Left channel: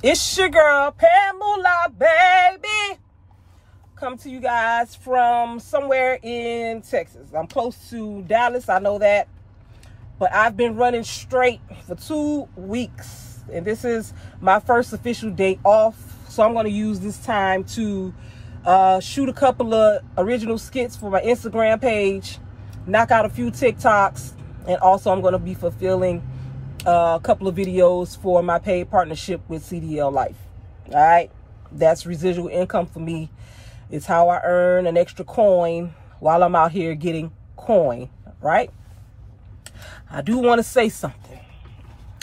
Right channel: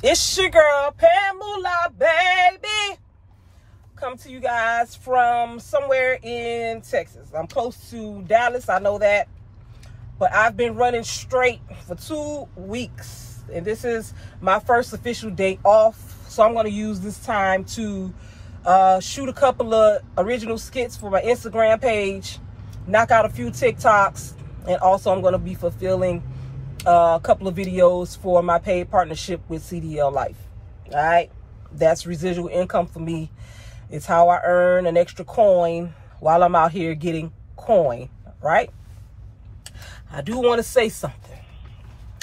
It's your girl, PamulahBaby. Come to you guys from somewhere in Texas. I'm close to Dallas, I know that. But I've been running straight for 2 weeks. And this is my first official day off. So I'm going to use this time to shoot a couple of original skits for my Instagram page. Knock out a few TikToks. And also I'm going to be fulfilling a couple of videos for my paid partnership with CDL Life. All right, that's residual income for me. It's how I earn an extra coin while I'm out here getting coin, right? I do want to say something.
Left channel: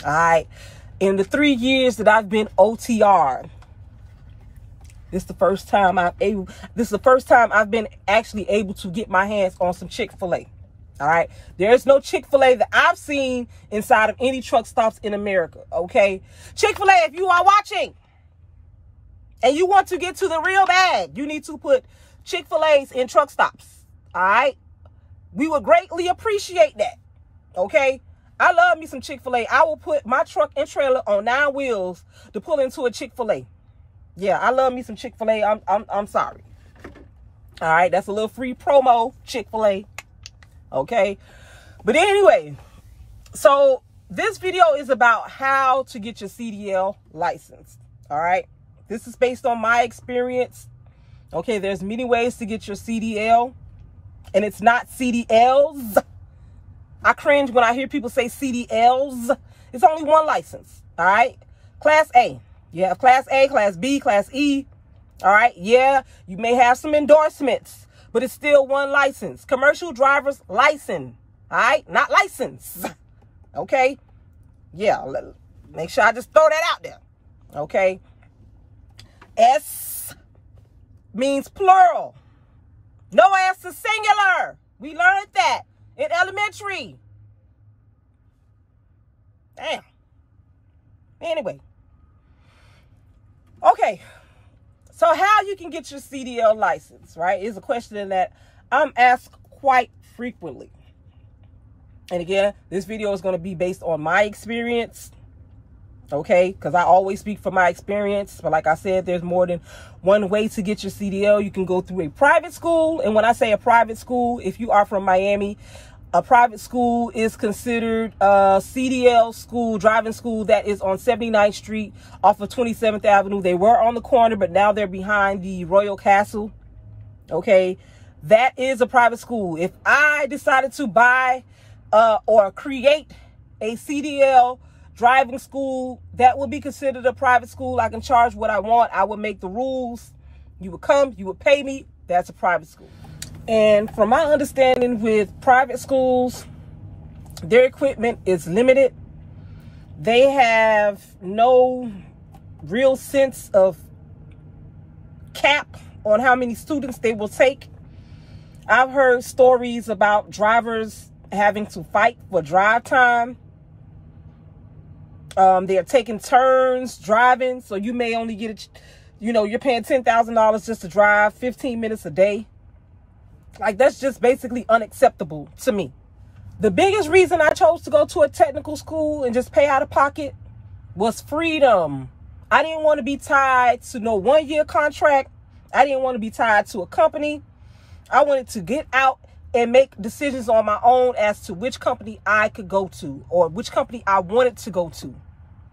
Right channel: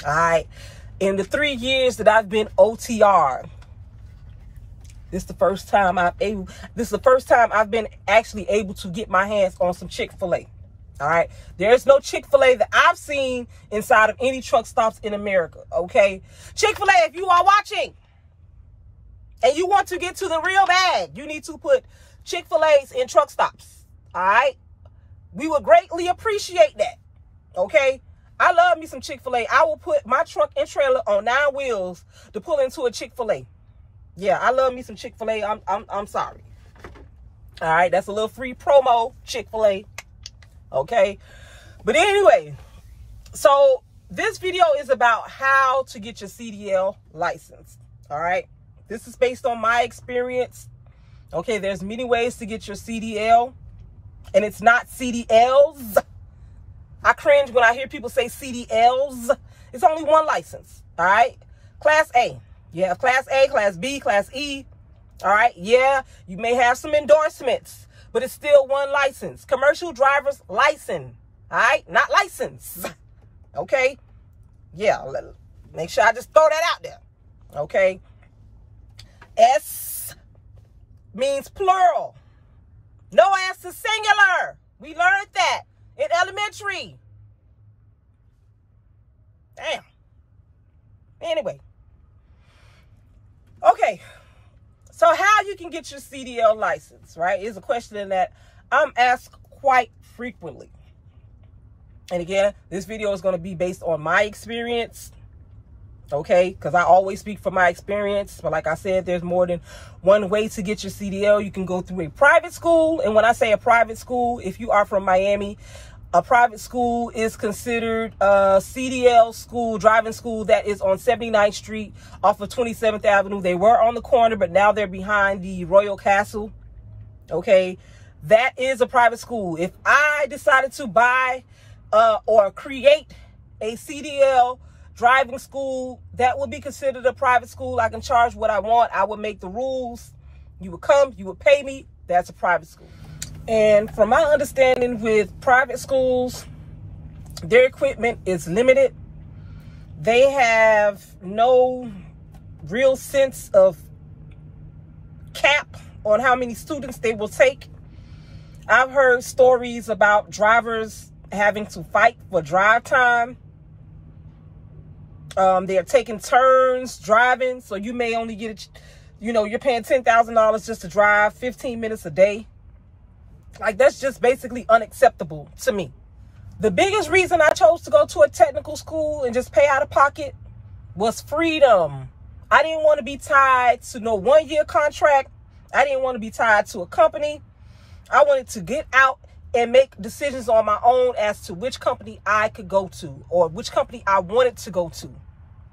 All right, in the 3 years that I've been OTR, this is the first time I've been actually able to get my hands on some Chick-fil-A. All right, there's no Chick-fil-A that I've seen inside of any truck stops in America. Okay, Chick-fil-A, if you are watching and you want to get to the real bag, you need to put Chick-fil-A's in truck stops. All right, we would greatly appreciate that. Okay, I love me some Chick-fil-A. I will put my truck and trailer on 9 wheels to pull into a Chick-fil-A. Yeah, I love me some Chick-fil-A. I'm sorry. All right, that's a little free promo, Chick-fil-A. Okay, but anyway, so this video is about how to get your CDL license. All right, this is based on my experience. Okay, there's many ways to get your CDL, and it's not CDLs. I cringe when I hear people say CDLs. It's only one license. All right, Class A. You have Class A, Class B, Class E. All right, yeah, you may have some endorsements, but it's still one license. Commercial driver's license. All right, not license. Okay, yeah, make sure I just throw that out there. Okay, S means plural. No S is singular. We learned that in elementary. Damn. Anyway. Okay. So how you can get your CDL license, right, is a question that I'm asked quite frequently. And again, this video is going to be based on my experience, okay, because I always speak from my experience. But like I said, there's more than one way to get your CDL. You can go through a private school. And when I say a private school, if you are from Miami, a private school is considered a CDL school, driving school that is on 79th Street off of 27th Avenue. They were on the corner, but now they're behind the Royal Castle. Okay, that is a private school. If I decided to buy or create a CDL driving school, that would be considered a private school. I can charge what I want. I would make the rules. You would come, you would pay me. That's a private school. And from my understanding with private schools, their equipment is limited. They have no real sense of cap on how many students they will take. I've heard stories about drivers having to fight for drive time. They're taking turns driving, so you may only get, you're paying $10,000 just to drive 15 minutes a day. Like, that's just basically unacceptable to me. The biggest reason I chose to go to a technical school and just pay out of pocket was freedom. I didn't want to be tied to no 1-year contract. I didn't want to be tied to a company. I wanted to get out and make decisions on my own as to which company I could go to or which company I wanted to go to.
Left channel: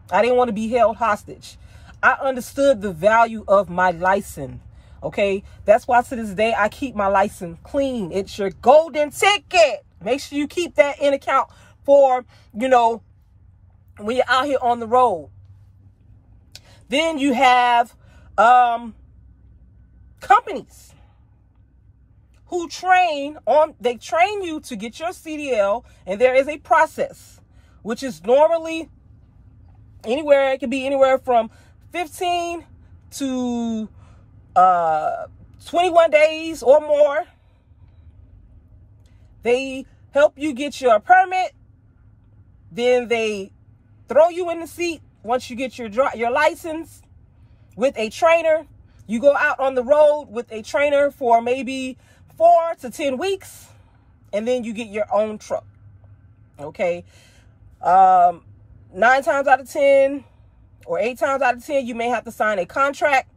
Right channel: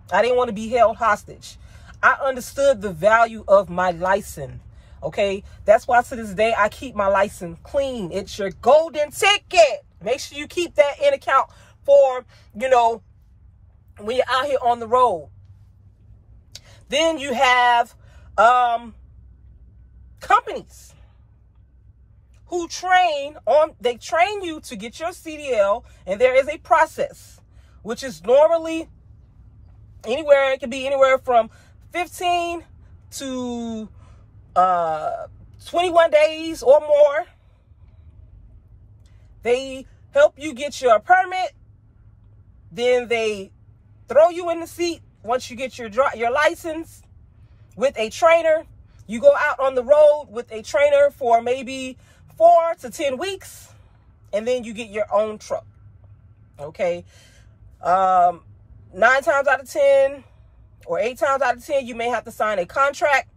I didn't want to be held hostage. I understood the value of my license. Okay, that's why to this day I keep my license clean. It's your golden ticket. Make sure you keep that in account for, when you're out here on the road. Then you have companies who train you to get your CDL, and there is a process, which is normally it can be anywhere from 15 to 21 days or more. They help you get your permit. Then they throw you in the seat once you get your license with a trainer. You go out on the road with a trainer for maybe 4 to 10 weeks, and then you get your own truck. Okay. 9 times out of 10, or 8 times out of 10, you may have to sign a contract,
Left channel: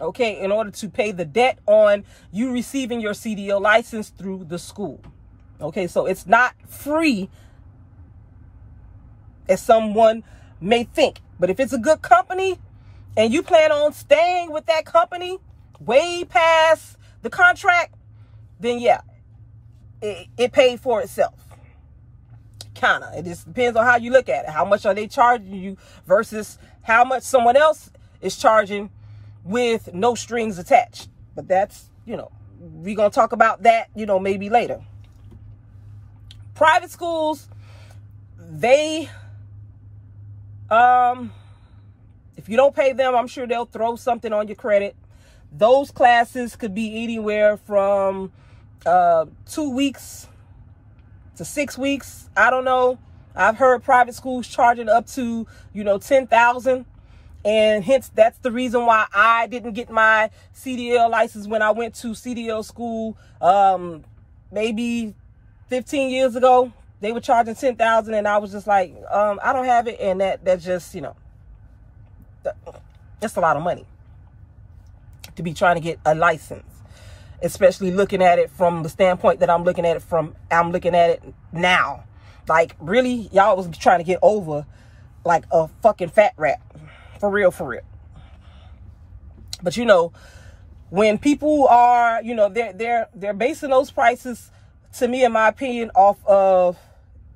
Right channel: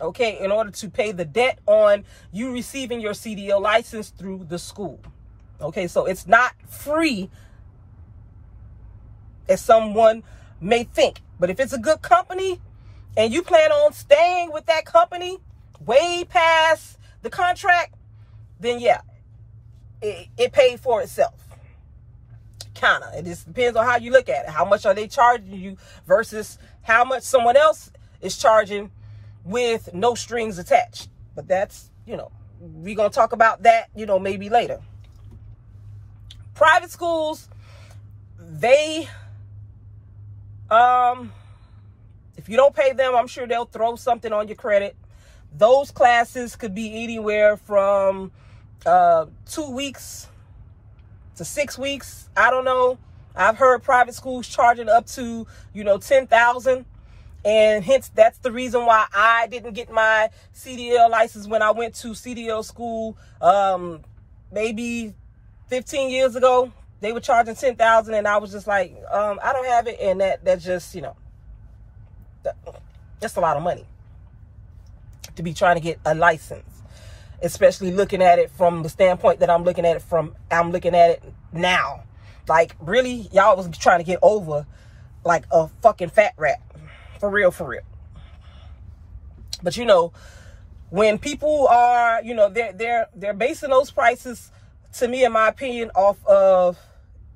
okay, in order to pay the debt on you receiving your CDL license through the school. Okay, so it's not free as someone may think. But if it's a good company and you plan on staying with that company way past the contract, then yeah, it paid for itself. Kinda. It just depends on how you look at it. How much are they charging you versus how much someone else is charging with no strings attached. But that's, you know, we're going to talk about that, you know, maybe later. Private schools, they, if you don't pay them, I'm sure they'll throw something on your credit. Those classes could be anywhere from 2 weeks to 6 weeks. I don't know. I've heard private schools charging up to, you know, $10,000. And hence, that's the reason why I didn't get my CDL license when I went to CDL school maybe 15 years ago. They were charging $10,000, and I was just like, I don't have it. And that's just, you know, that's a lot of money to be trying to get a license, especially looking at it from the standpoint that I'm looking at it now. Like, really, y'all was trying to get over like a fucking fat rat. For real, for real. But, you know, when people are, you know, they're basing those prices, to me, in my opinion, off of,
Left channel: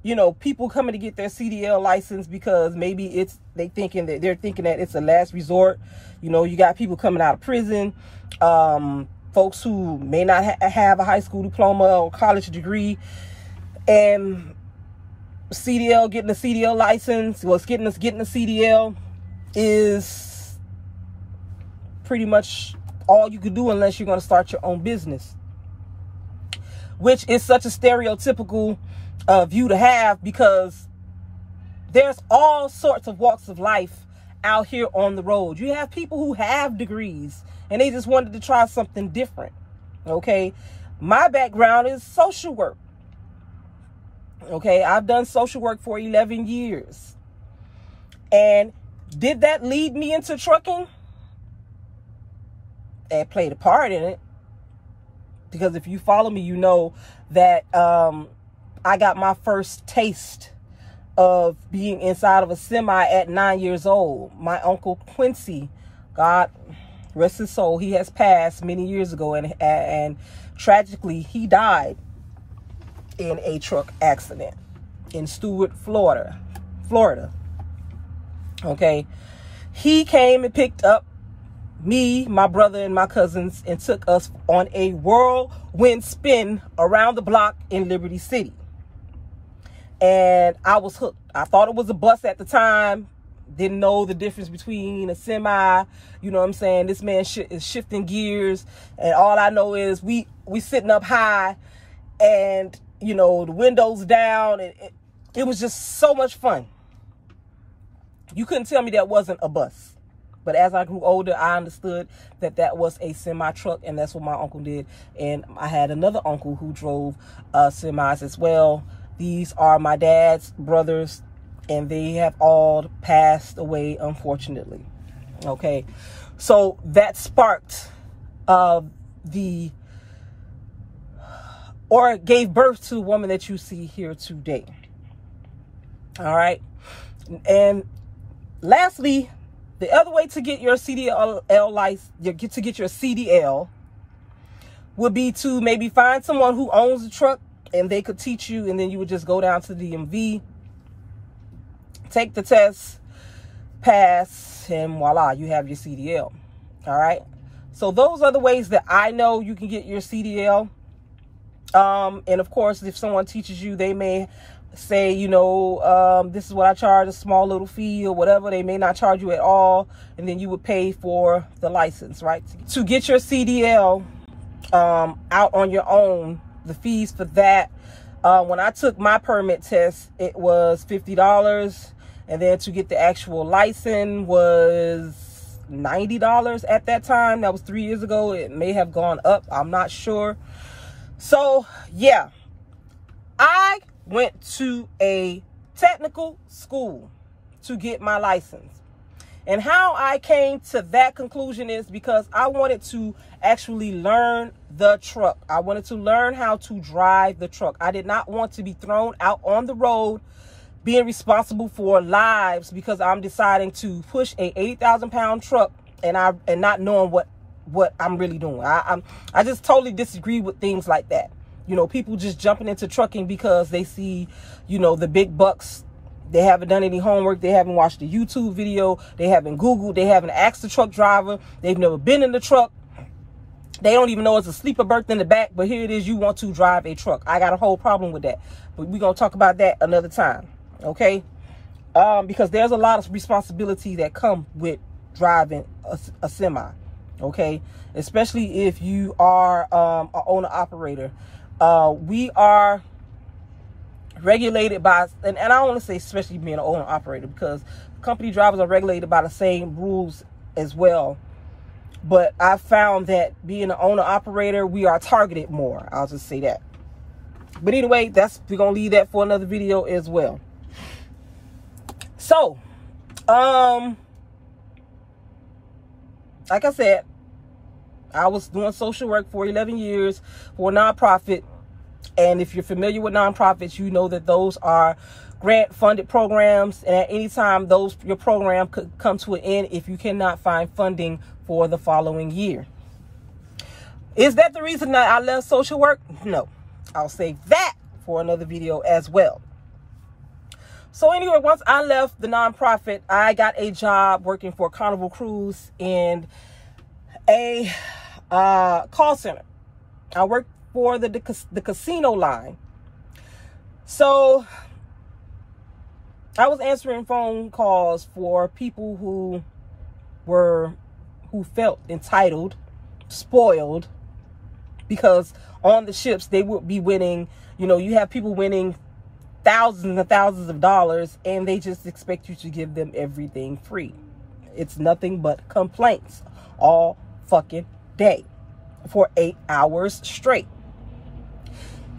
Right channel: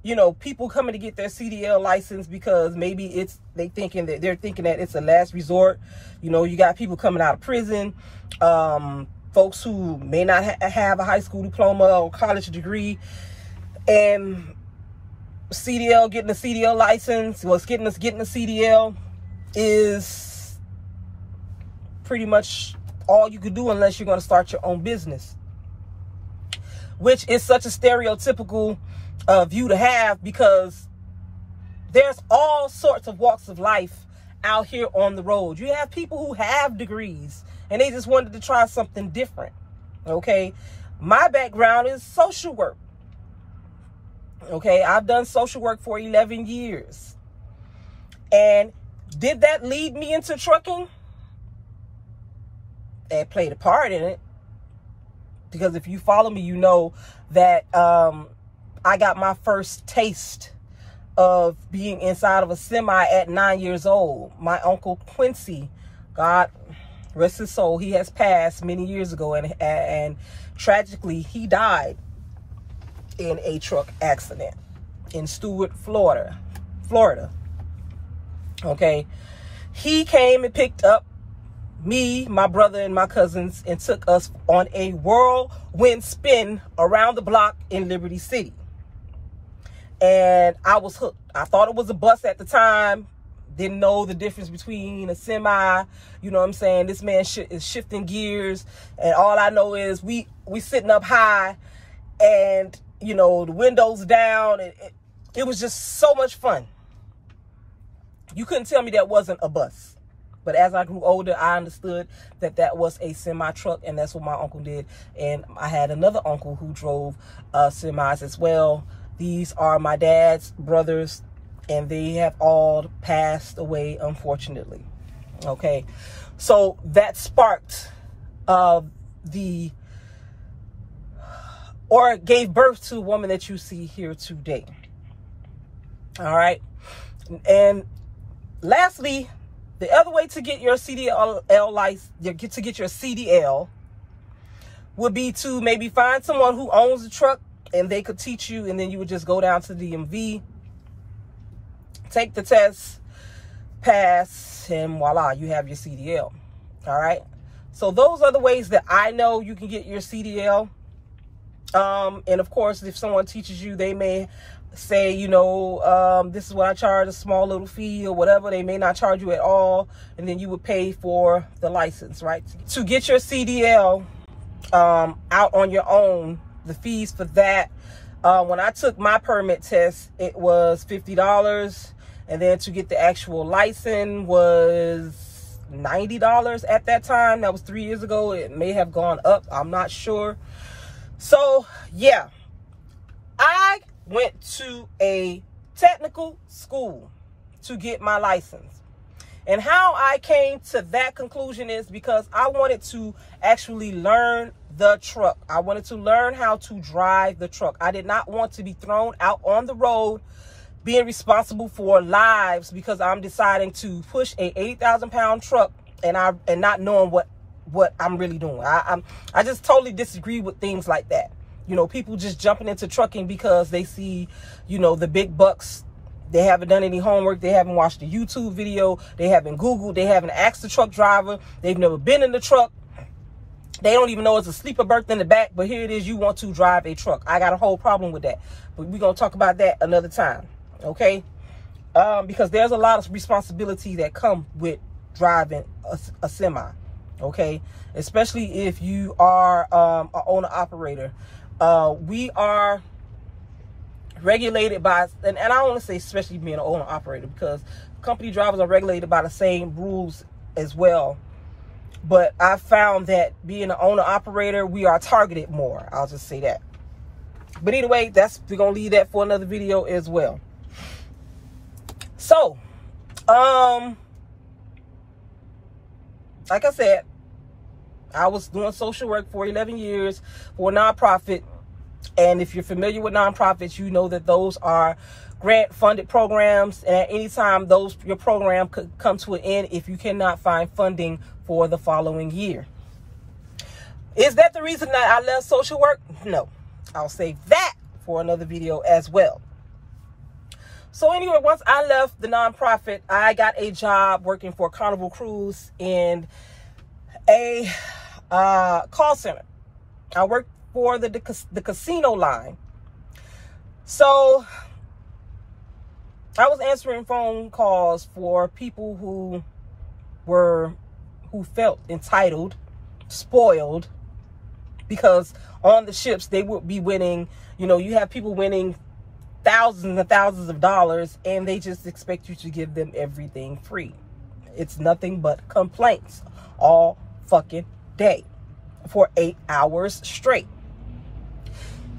you know, people coming to get their CDL license because maybe they're thinking that it's a last resort. You know, you got people coming out of prison, folks who may not have a high school diploma or college degree, and getting a CDL license, getting a CDL is pretty much all you could do unless you're going to start your own business, which is such a stereotypical view to have, because there's all sorts of walks of life out here on the road. You have people who have degrees and they just wanted to try something different. Okay, my background is social work. Okay, I've done social work for 11 years. And did that lead me into trucking? It played a part in it. Because if you follow me, you know that I got my first taste of being inside of a semi at 9 years old. My uncle Quincy, God rest his soul, he has passed many years ago, and tragically he died in a truck accident in Stewart, Florida. Okay, he came and picked up me, my brother, and my cousins and took us on a whirlwind spin around the block in Liberty City. And I was hooked. I thought it was a bus at the time. Didn't know the difference between a semi. You know what I'm saying? This man is shifting gears. And all I know is we sitting up high and, you know, the windows down. It was just so much fun. You couldn't tell me that wasn't a bus. But as I grew older, I understood that that was a semi-truck, and that's what my uncle did. And I had another uncle who drove semis as well. These are my dad's brothers, and they have all passed away, unfortunately. Okay, so that sparked gave birth to a woman that you see here today. All right, and lastly, the other way to get your CDL license, to get your CDL, would be to maybe find someone who owns a truck and they could teach you, and then you would just go down to the DMV, take the test, pass, and voila, you have your CDL. All right. So those are the ways that I know you can get your CDL. And of course, if someone teaches you, they may say, you know, this is what I charge, a small little fee or whatever. They may not charge you at all, and then you would pay for the license, right? To get your CDL out on your own, the fees for that, when I took my permit test, it was $50, and then to get the actual license was $90 at that time. That was 3 years ago. It may have gone up, I'm not sure. So yeah, I went to a technical school to get my license. And how I came to that conclusion is because I wanted to actually learn the truck. I wanted to learn how to drive the truck. I did not want to be thrown out on the road being responsible for lives because I'm deciding to push a 80,000-pound truck and not knowing what I'm really doing. I just totally disagree with things like that. You know, people just jumping into trucking because they see, you know, the big bucks. They haven't done any homework. They haven't watched a YouTube video. They haven't Googled. They haven't asked the truck driver. They've never been in the truck. They don't even know it's a sleeper berth in the back. But here it is. You want to drive a truck. I got a whole problem with that. But we're going to talk about that another time. Okay? Because there's a lot of responsibility that come with driving a semi. Okay? Especially if you are an owner-operator. We are regulated by, and I don't want to say especially being an owner operator, because company drivers are regulated by the same rules as well. But I found that being an owner operator, we are targeted more. I'll just say that. But anyway, we're gonna leave that for another video as well. So, like I said, I was doing social work for 11 years for a nonprofit. And if you're familiar with nonprofits, you know that those are grant-funded programs. And at any time, your program could come to an end if you cannot find funding for the following year. Is that the reason that I left social work? No. I'll save that for another video as well. So anyway, once I left the nonprofit, I got a job working for Carnival Cruise in a call center. I worked for the casino line. So I was answering phone calls for people who felt entitled, spoiled, because on the ships they would be winning, you know, you have people winning thousands and thousands of dollars and they just expect you to give them everything free. It's nothing but complaints all fucking day for 8 hours straight.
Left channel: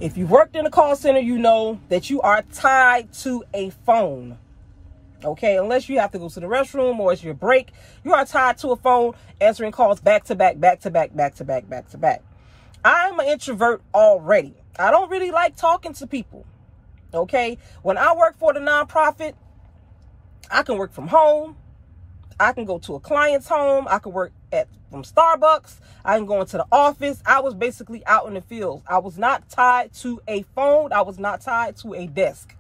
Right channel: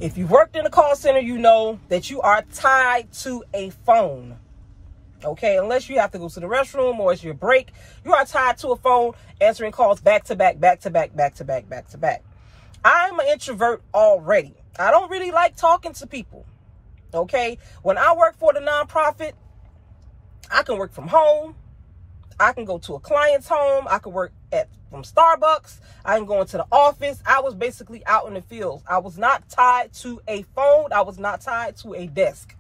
If you worked in a call center, you know that you are tied to a phone. Okay, unless you have to go to the restroom or it's your break, you are tied to a phone, answering calls back to back, back to back, back to back, back to back. I'm an introvert already. I don't really like talking to people. Okay, when I work for the nonprofit, I can work from home. I can go to a client's home. I can work from Starbucks. I can go into the office. I was basically out in the fields. I was not tied to a phone. I was not tied to a desk.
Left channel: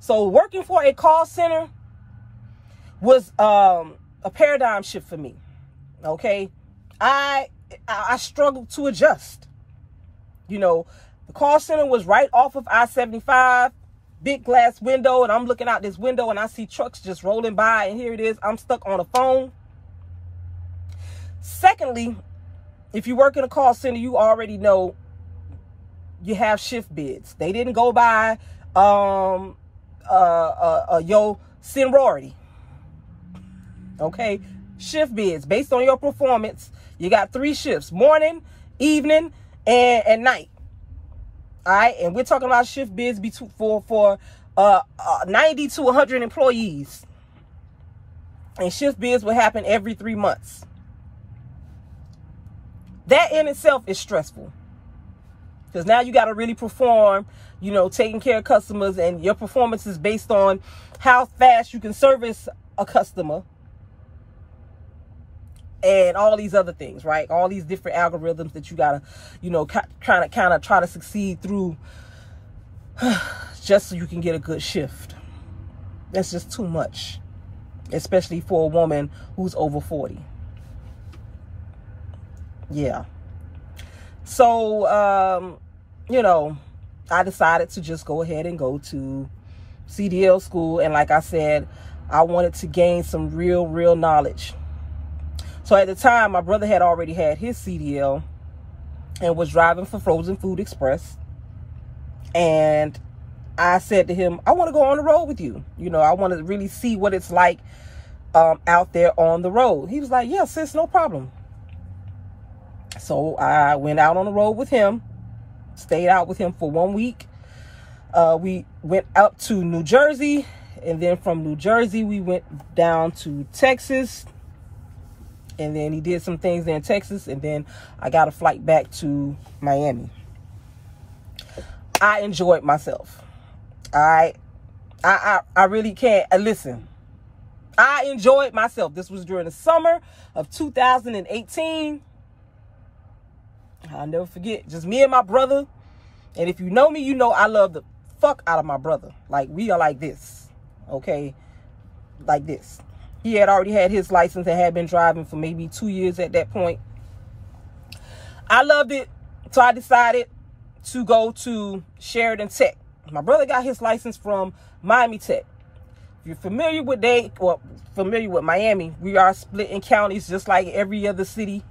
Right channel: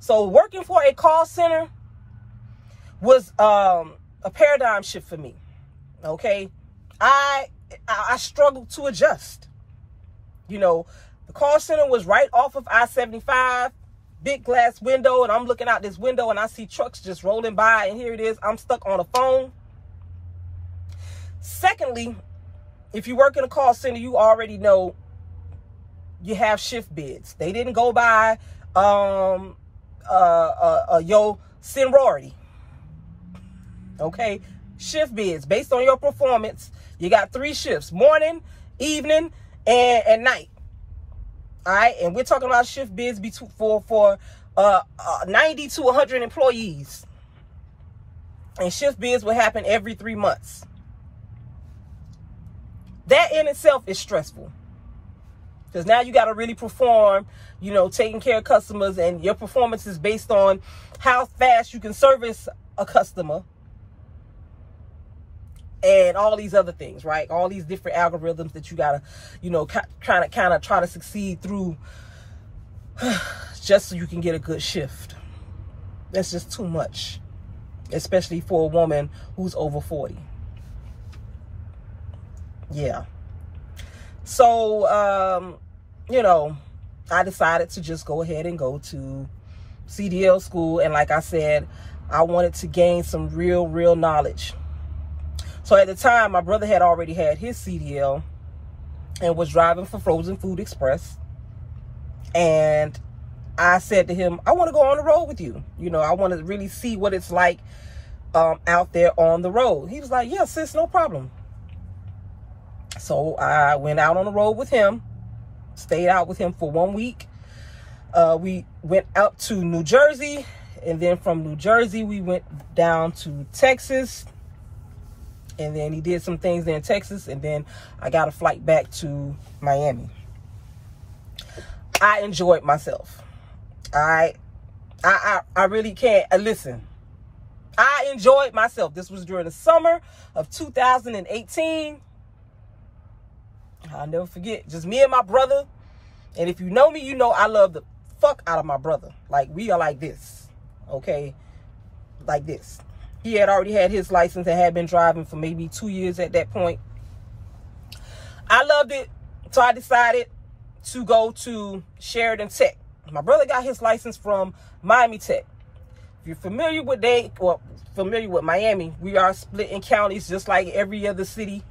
So working for a call center was a paradigm shift for me. Okay, I struggled to adjust. You know, the call center was right off of I-75. Big glass window, and I'm looking out this window and I see trucks just rolling by, and here it is, I'm stuck on a phone. Secondly, if you work in a call center, you already know you have shift bids. They didn't go by your seniority. Okay, shift bids based on your performance. You got 3 shifts: morning, evening, and night. All right, and we're talking about shift bids for 90 to 100 employees. And shift bids will happen every 3 months. That in itself is stressful. Because now you got to really perform, you know, taking care of customers, and your performance is based on how fast you can service a customer. And all these other things, right? All these different algorithms that you gotta, you know, kind of try to succeed through, just so you can get a good shift. That's just too much, especially for a woman who's over 40. Yeah. So, you know, I decided to just go ahead and go to CDL school, and like I said, I wanted to gain some real knowledge. So at the time, my brother had already had his CDL and was driving for Frozen Food Express. And I said to him, I want to go on the road with you. You know, I want to really see what it's like out there on the road. He was like, yeah, sis, no problem. So I went out on the road with him, stayed out with him for 1 week. We went out to New Jersey And then from New Jersey, we went down to Texas. And then he did some things there in Texas. And then I got a flight back to Miami. I enjoyed myself. I really can't. Listen, I enjoyed myself. This was during the summer of 2018. I'll never forget. Just me and my brother. And if you know me, you know I love the fuck out of my brother. Like, we are like this. Okay? Like this. He had already had his license and had been driving for maybe 2 years at that point. I loved it. So I decided to go to Sheridan Tech. My brother got his license from Miami Tech. If you're familiar with familiar with Miami, we are split in counties just like every other city.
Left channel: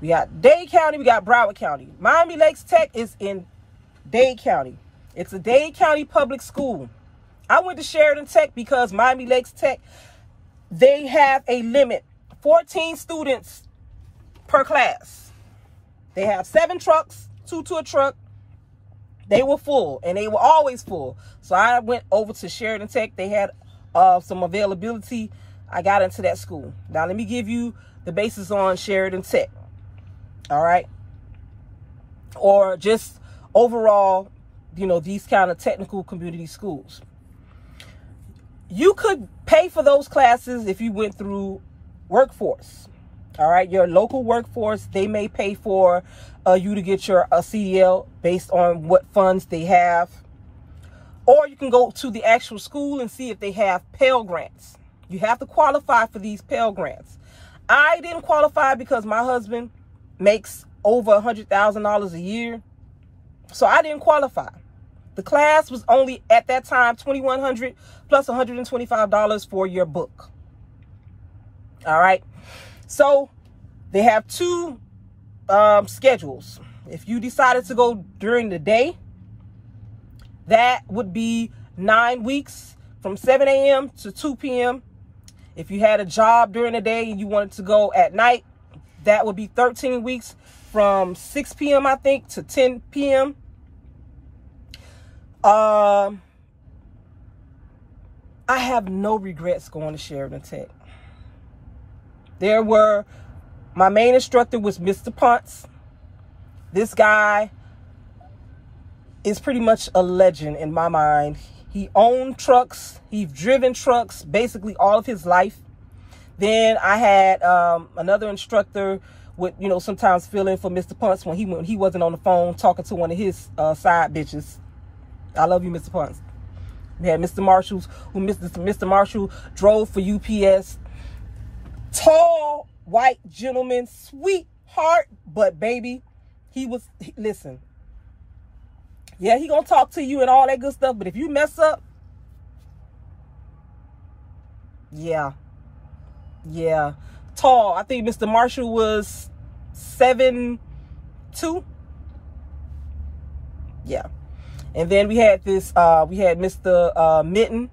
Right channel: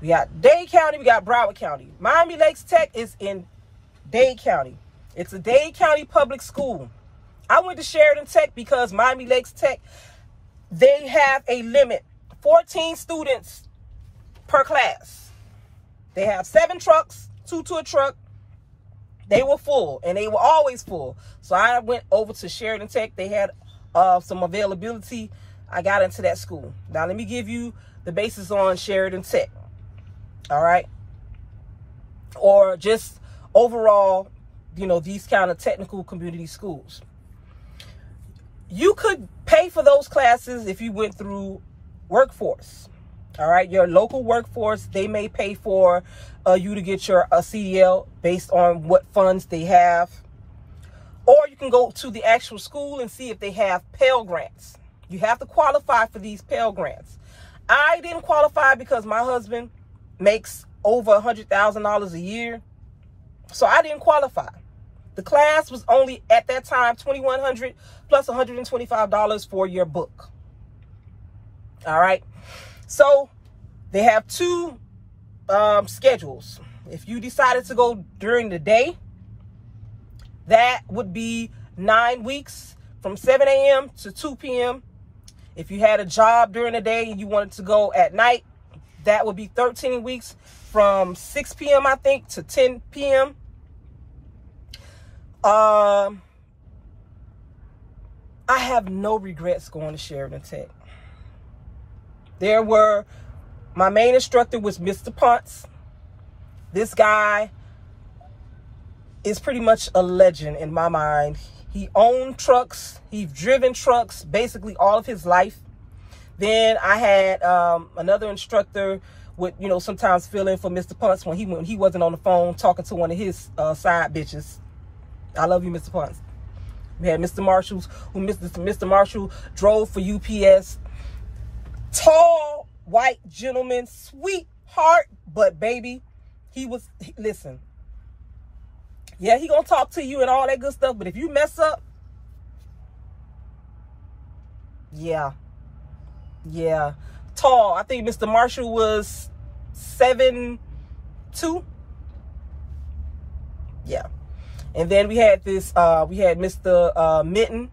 We got Dade County, we got Broward County. Miami Lakes Tech is in Dade County. It's a Dade County public school. I went to Sheridan Tech because Miami Lakes Tech, they have a limit, 14 students per class. They have 7 trucks, 2 to a truck. They were full, and they were always full. So I went over to Sheridan Tech. They had some availability. I got into that school. Now, let me give you the basis on Sheridan Tech. All right? Or just overall, you know, these kind of technical community schools. You could pay for those classes if you went through workforce. All right, your local workforce, they may pay for you to get your CDL based on what funds they have. Or you can go to the actual school and see if they have Pell Grants. You have to qualify for these Pell Grants. I didn't qualify because my husband makes over $100,000 a year. So I didn't qualify. The class was only, at that time, $2,100 plus $125 for your book. All right. So they have 2 schedules. If you decided to go during the day, that would be 9 weeks from 7 a.m. to 2 p.m. If you had a job during the day and you wanted to go at night, that would be 13 weeks from 6 p.m. I think to 10 p.m. I have no regrets going to Sheridan Tech. My main instructor was Mr. Ponce. This guy is pretty much a legend in my mind. He owned trucks. He's driven trucks basically all of his life. Then I had another instructor would, you know, sometimes fill in for Mr. Ponce when he wasn't on the phone talking to one of his side bitches. I love you, Mr. Ponce. We had Mr. Marshall, Mr. Marshall drove for UPS. Tall, white gentleman, sweetheart, but baby, listen. Yeah, he gonna talk to you and all that good stuff, but if you mess up, yeah. Tall. I think Mr. Marshall was 7'2". Yeah. And then we had Mr. Mitten,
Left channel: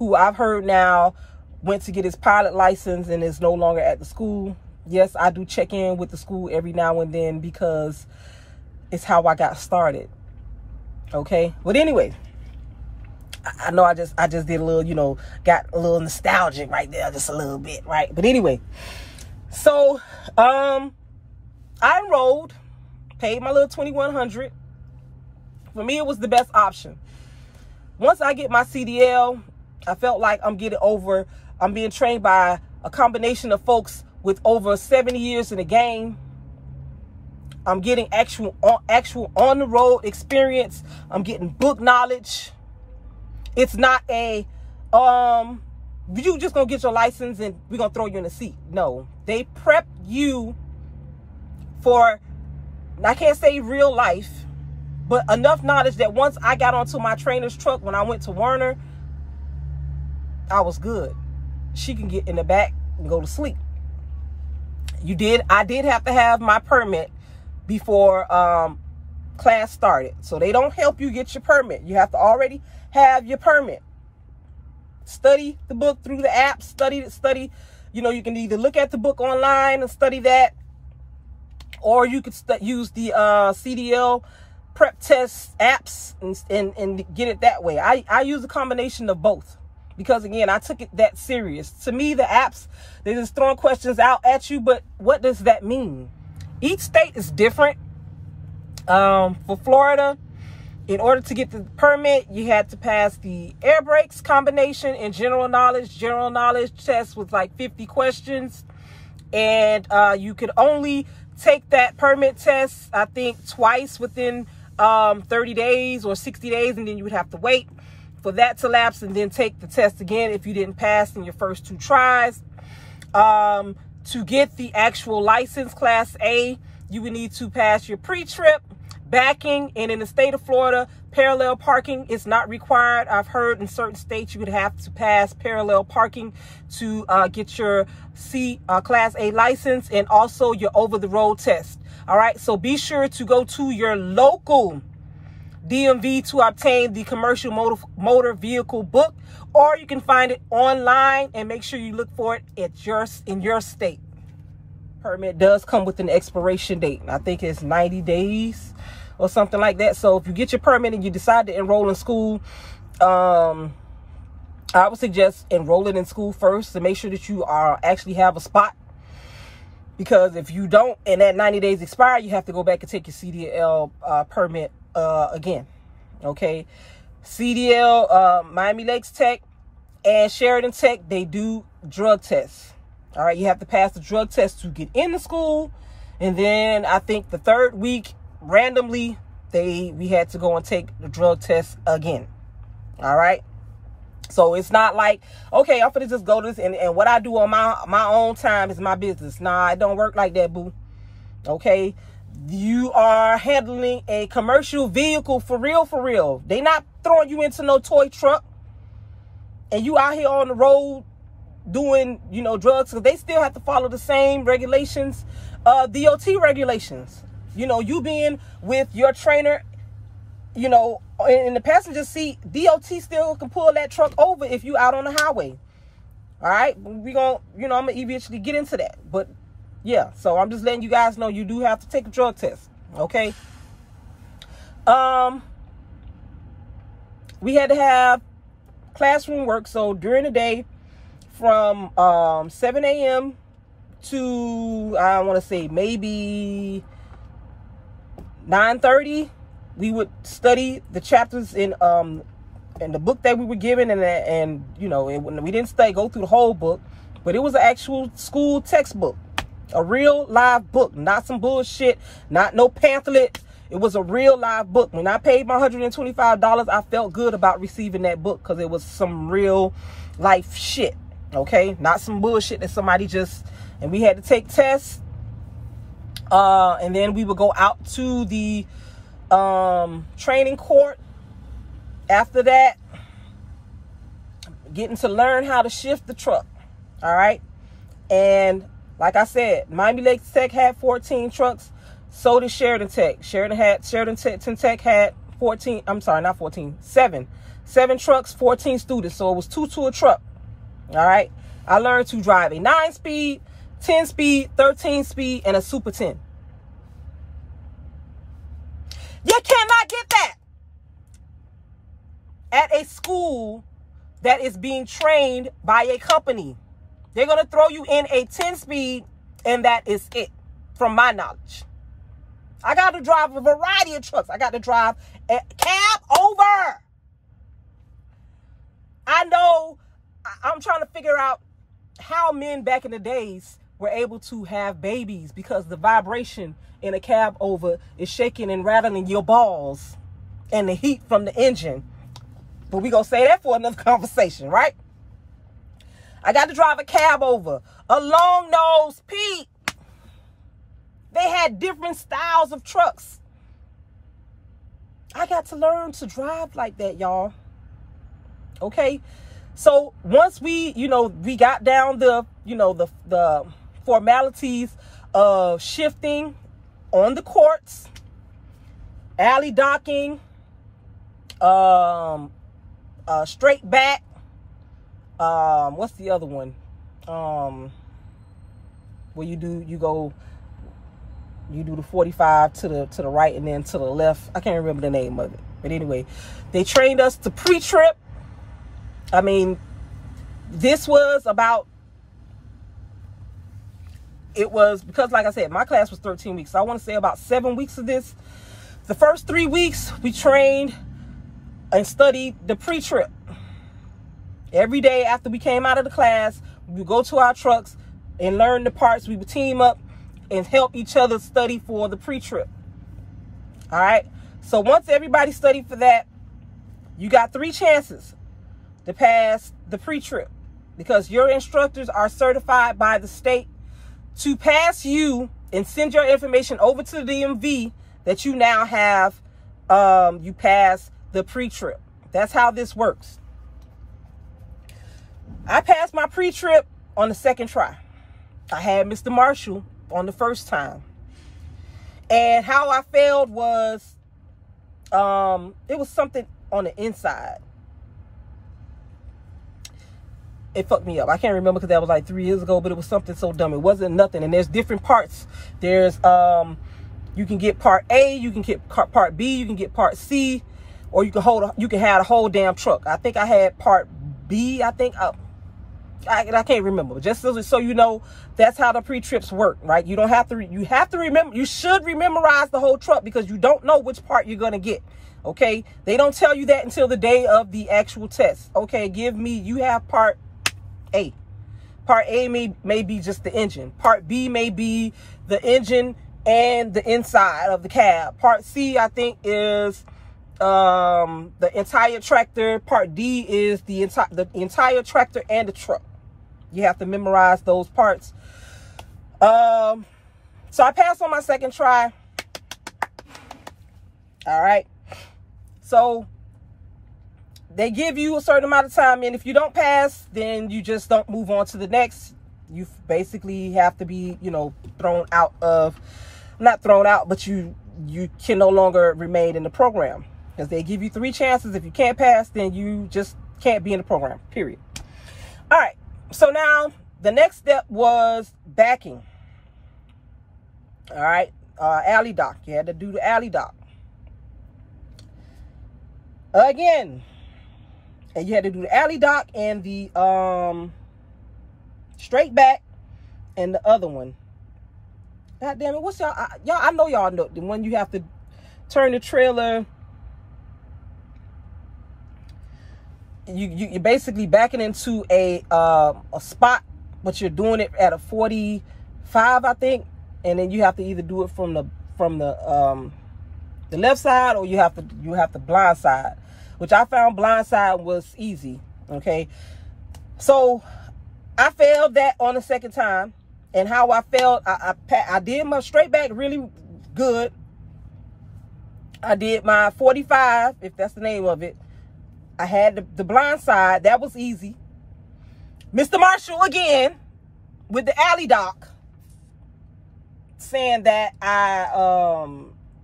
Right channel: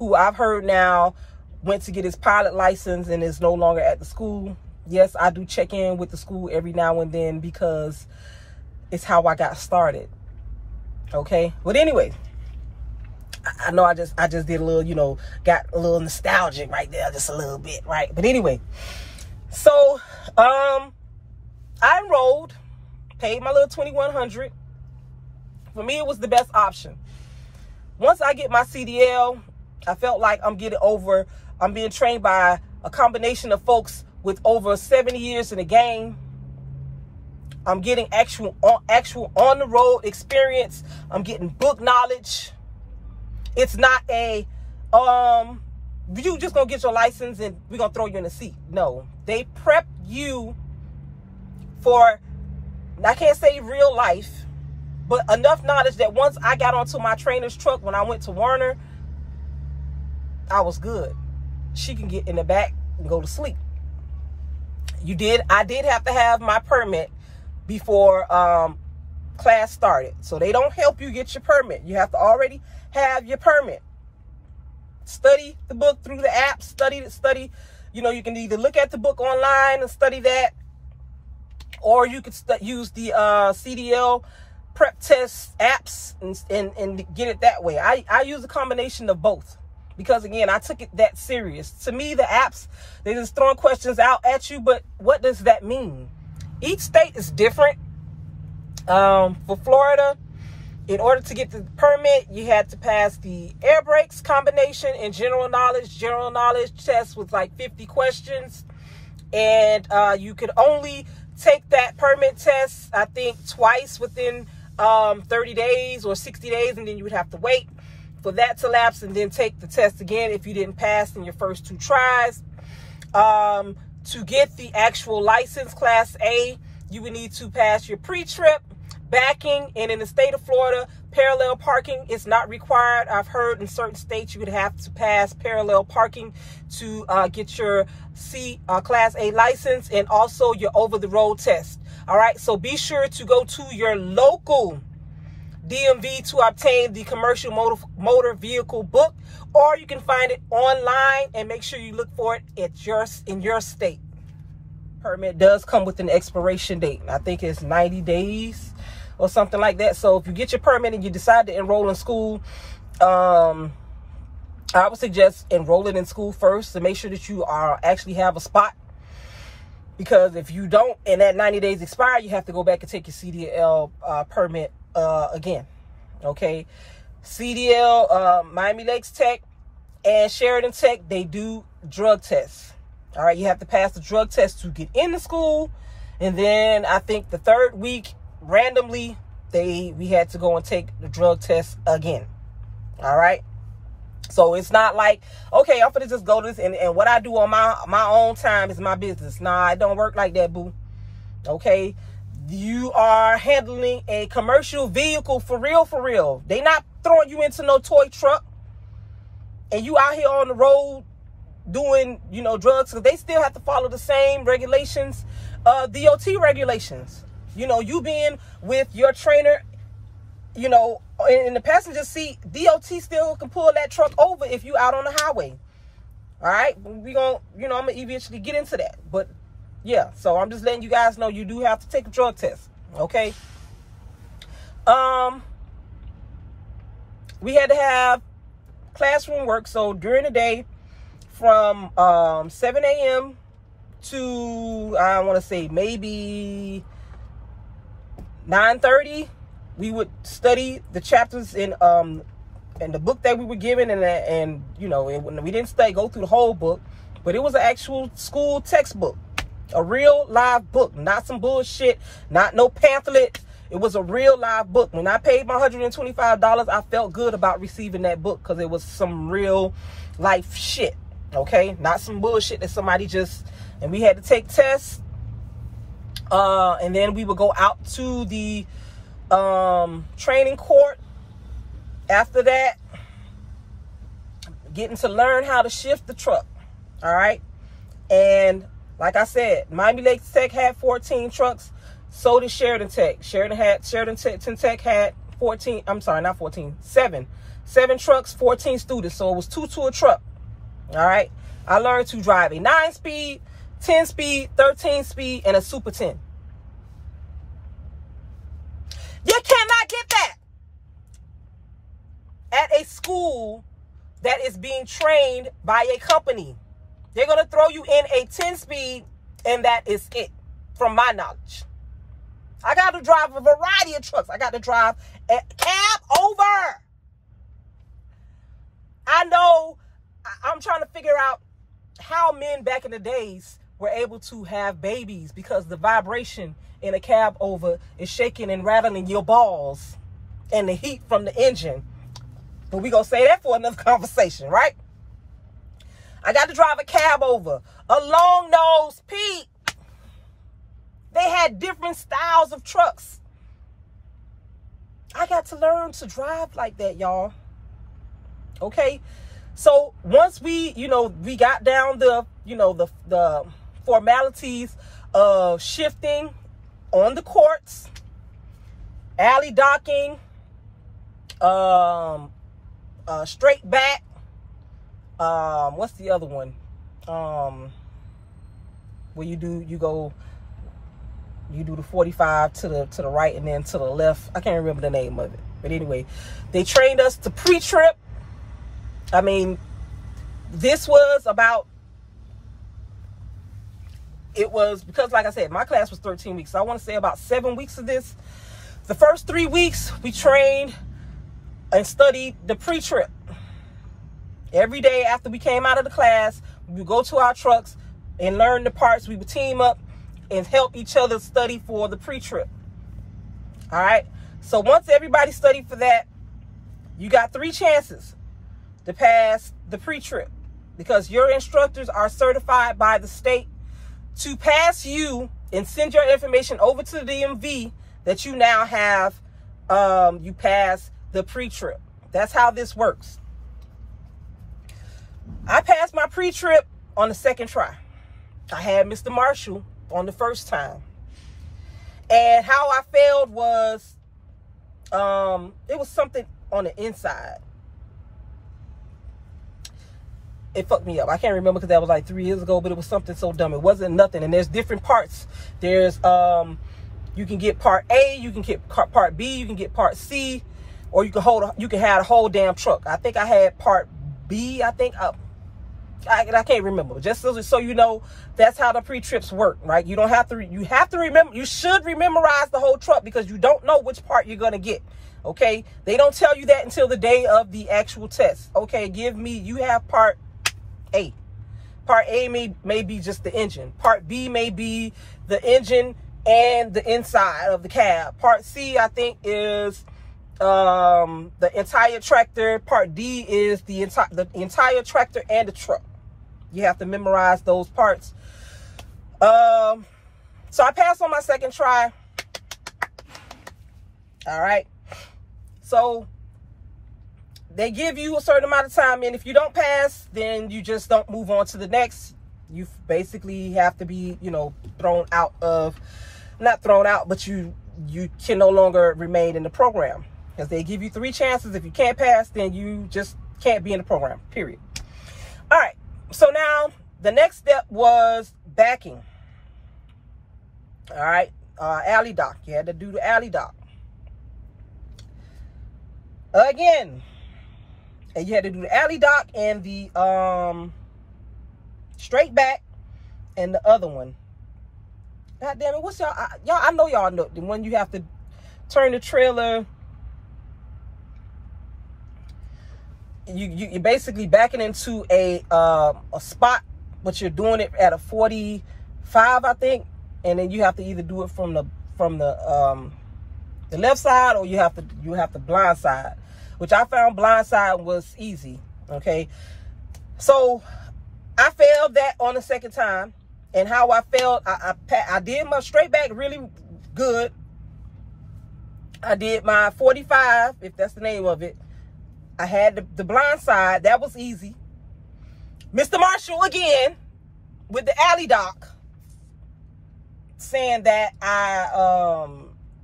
who I've heard now went to get his pilot license and is no longer at the school. Yes, I do check in with the school every now and then because it's how I got started. Okay. But anyway, I know I just did a little, you know, got a little nostalgic right there, just a little bit, right? But anyway, so I enrolled, paid my little $2,100. For me, it was the best option. Once I get my CDL, I felt like I'm being trained by a combination of folks with over 70 years in the game. I'm getting actual on the road experience. I'm getting book knowledge. It's not you just gonna get your license and we're gonna throw you in the seat. No, they prep you for, I can't say real life, but enough knowledge that once I got onto my trainer's truck when I went to Werner, I was good. She can get in the back and go to sleep. I did have to have my permit before class started. So they don't help you get your permit. You have to already have your permit. Study the book through the app. Study. You know, you can either look at the book online and study that, or you could use the CDL prep test apps and get it that way. I use a combination of both because, again, I took it that serious. To me, the apps, they're just throwing questions out at you, but what does that mean? Each state is different. For Florida, in order to get the permit, you had to pass the air brakes combination and general knowledge. General knowledge test was like 50 questions. And you could only take that permit test, I think, twice within 30 days or 60 days. And then you would have to wait for that to lapse and then take the test again if you didn't pass in your first 2 tries. To get the actual license, Class A, you would need to pass your pre-trip, backing, and in the state of Florida, parallel parking is not required. I've heard in certain states you would have to pass parallel parking to get your Class A license, and also your over-the-road test. All right, so be sure to go to your local DMV to obtain the commercial motor vehicle book, or you can find it online, and make sure you look for it in your state. Permit does come with an expiration date. I think it's 90 days or something like that. So if you get your permit and you decide to enroll in school, I would suggest enrolling in school first to make sure that you actually have a spot. Because if you don't, and that 90 days expire, you have to go back and take your CDL permit again. Okay. CDL, Miami Lakes Tech and Shedrian Tech, they do drug tests. All right. You have to pass the drug test to get into school. And then I think the 3rd week, randomly, we had to go and take the drug test again. All right. So it's not like, okay, I'm gonna just go to this and what I do on my own time is my business. Nah, it don't work like that, boo. Okay. You are handling a commercial vehicle for real, for real. They not throwing you into no toy truck and you out here on the road doing, drugs. So they still have to follow the same regulations, DOT regulations. You being with your trainer, in the passenger seat, DOT still can pull that truck over if you out on the highway. All right. I'm going to eventually get into that. But yeah, so I'm just letting you guys know you do have to take a drug test. Okay. We had to have classroom work. So during the day from 7 a.m. to, I want to say maybe 9:30, we would study the chapters in the book that we were given, and we didn't go through the whole book, but it was an actual school textbook, a real live book, not some bullshit, not no pamphlet. It was a real live book. When I paid my $125, I felt good about receiving that book because it was some real life shit. Okay, not some bullshit that somebody and we had to take tests. And then we would go out to the training court. After that, getting to learn how to shift the truck. All right. And like I said, Miami Lakes Tech had 14 trucks. So did Shedrian Tech. Shedrian Tech had 14. I'm sorry, not 14. 7 trucks, 14 students. So it was 2 to a truck. All right. I learned to drive a 9-speed, 10-speed, 13-speed, and a Super 10. You cannot get that at a school that is being trained by a company. They're going to throw you in a 10-speed, and that is it, from my knowledge. I got to drive a variety of trucks. I got to drive a cab over. I know I'm trying to figure out how men back in the days were able to have babies, because the vibration in a cab over is shaking and rattling your balls and the heat from the engine. But we're going to say that for another conversation, right? I got to drive a cab over, a long nose Pete. They had different styles of trucks. I got to learn to drive like that, y'all. Okay. So once we got down the formalities of shifting on the courts, alley docking, straight back, what's the other one? Where you go You do the 45 to the right and then to the left. I can't remember the name of it. But anyway, they trained us to pre-trip. I mean, this was about, it was, because like I said, my class was 13 weeks. So I want to say about 7 weeks of this. The first 3 weeks, we trained and studied the pre-trip. Every day after we came out of the class, we would go to our trucks and learn the parts. We would team up and help each other study for the pre-trip. All right. So once everybody studied for that, you got 3 chances to pass the pre-trip, because your instructors are certified by the state to pass you and send your information over to the DMV that you now have, you pass the pre-trip. That's how this works. I passed my pre-trip on the 2nd try. I had Mr. Marshall on the 1st time. And how I failed was, it was something on the inside. It fucked me up. I can't remember because that was like 3 years ago, but it was something so dumb. It wasn't nothing. And there's different parts. There's, you can get part A, you can get part B, you can get part C, or you can have a whole damn truck. I think I had part B, I think. I can't remember. Just so you know, that's how the pre-trips work, right? You don't have to, you have to remember, you should memorize the whole truck, because you don't know which part you're going to get. Okay. They don't tell you that until the day of the actual test. Okay. You have part A. Part A may be just the engine. Part B may be the engine and the inside of the cab. Part C, I think, is the entire tractor. Part D is the entire tractor and the truck. You have to memorize those parts. So I passed on my 2nd try. All right. So they give you a certain amount of time, and if you don't pass, then you just don't move on to the next. You basically have to be, thrown out of, not thrown out, but you can no longer remain in the program, because they give you 3 chances. If you can't pass, then you just can't be in the program, period. All right. So now the next step was backing. All right. Alley dock. You had to do the alley dock. Again. And you had to do the alley dock and the straight back and the other one. God damn it. What's y'all? I know y'all know the one you have to turn the trailer. You're basically backing into a spot, but you're doing it at a 45, I think, and then you have to either do it from the left side, or you have to blind side, which I found blind side was easy. Okay, so I failed that on the 2nd time, and how I failed, I did my straight back really good. I did my 45, if that's the name of it. I had the blind side. That was easy. Mr. Marshall, again, with the alley dock, saying that I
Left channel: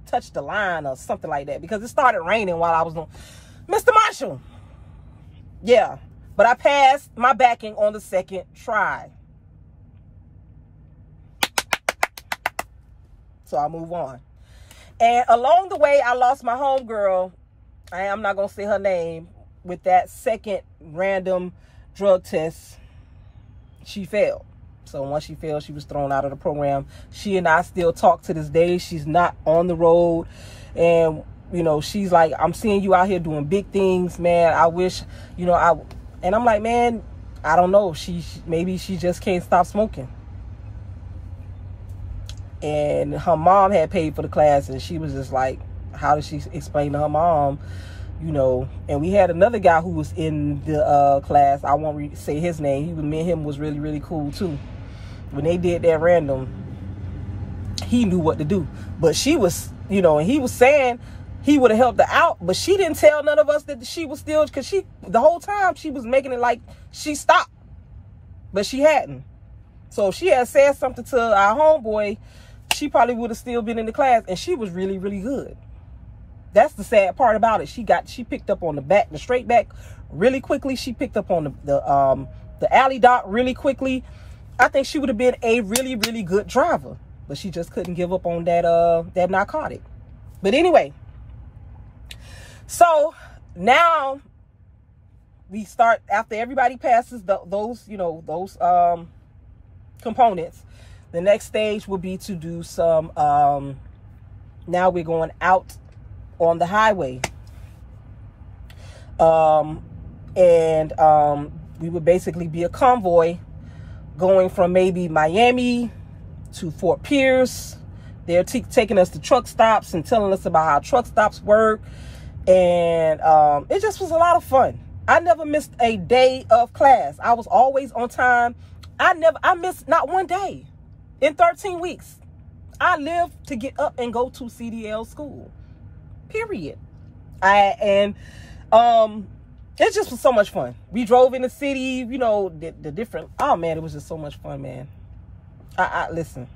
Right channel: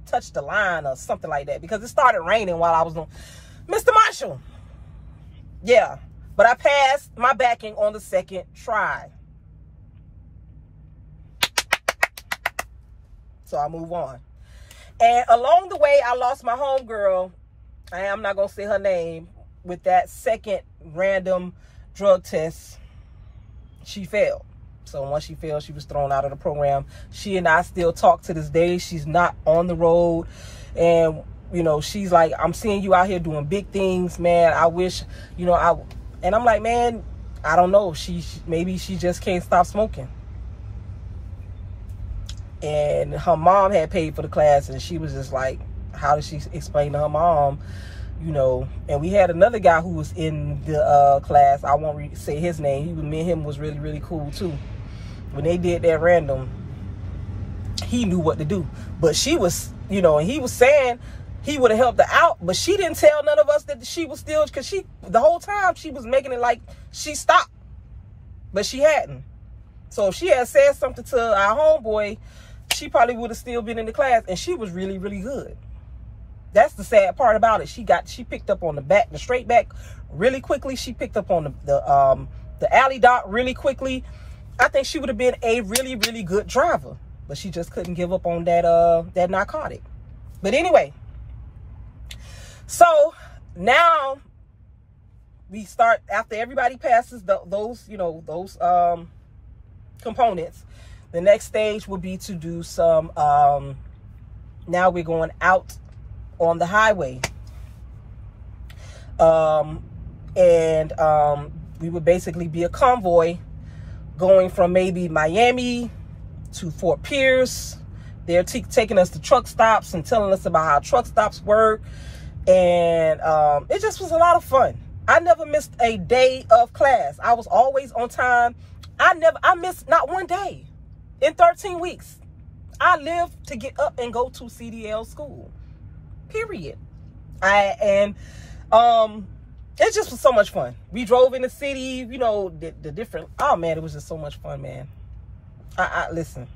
touched the line or something like that, because it started raining while I was doing. Mr. Marshall. Yeah. But I passed my backing on the 2nd try. So I move on. And along the way, I lost my homegirl. I'm not going to say her name. With that 2nd random drug test, she failed. So once she failed, she was thrown out of the program. She and I still talk to this day. She's not on the road. And, she's like, I'm seeing you out here doing big things, man. I wish, and I'm like, man, I don't know. Maybe she just can't stop smoking. And her mom had paid for the class, and she was just like, how did she explain to her mom? And we had another guy who was in the class. I won't say his name. Me and him was really, really cool too. When they did that random, he knew what to do. But she was, and he was saying he would have helped her out, but she didn't tell none of us that she was still, because the whole time she was making it like she stopped, but she hadn't. So if she had said something to our homeboy, she probably would have still been in the class, and she was really, really good. That's the sad part about it. She picked up on the straight back really quickly. She picked up on the alley dock really quickly. I think she would have been a really, really good driver. but she just couldn't give up on that that narcotic. But anyway, so now we start, after everybody passes those, you know, those components, the next stage will be to do some, now we're going out on the highway. We would basically be a convoy going from maybe Miami to Fort Pierce. They're taking us to truck stops and telling us about how truck stops work. And it just was a lot of fun. I never missed a day of class. I was always on time. I missed not one day in 13 weeks. I lived to get up and go to CDL school, period. It just was so much fun. We drove in the city, you know, the different, oh man, it was just so much fun, man. Listen.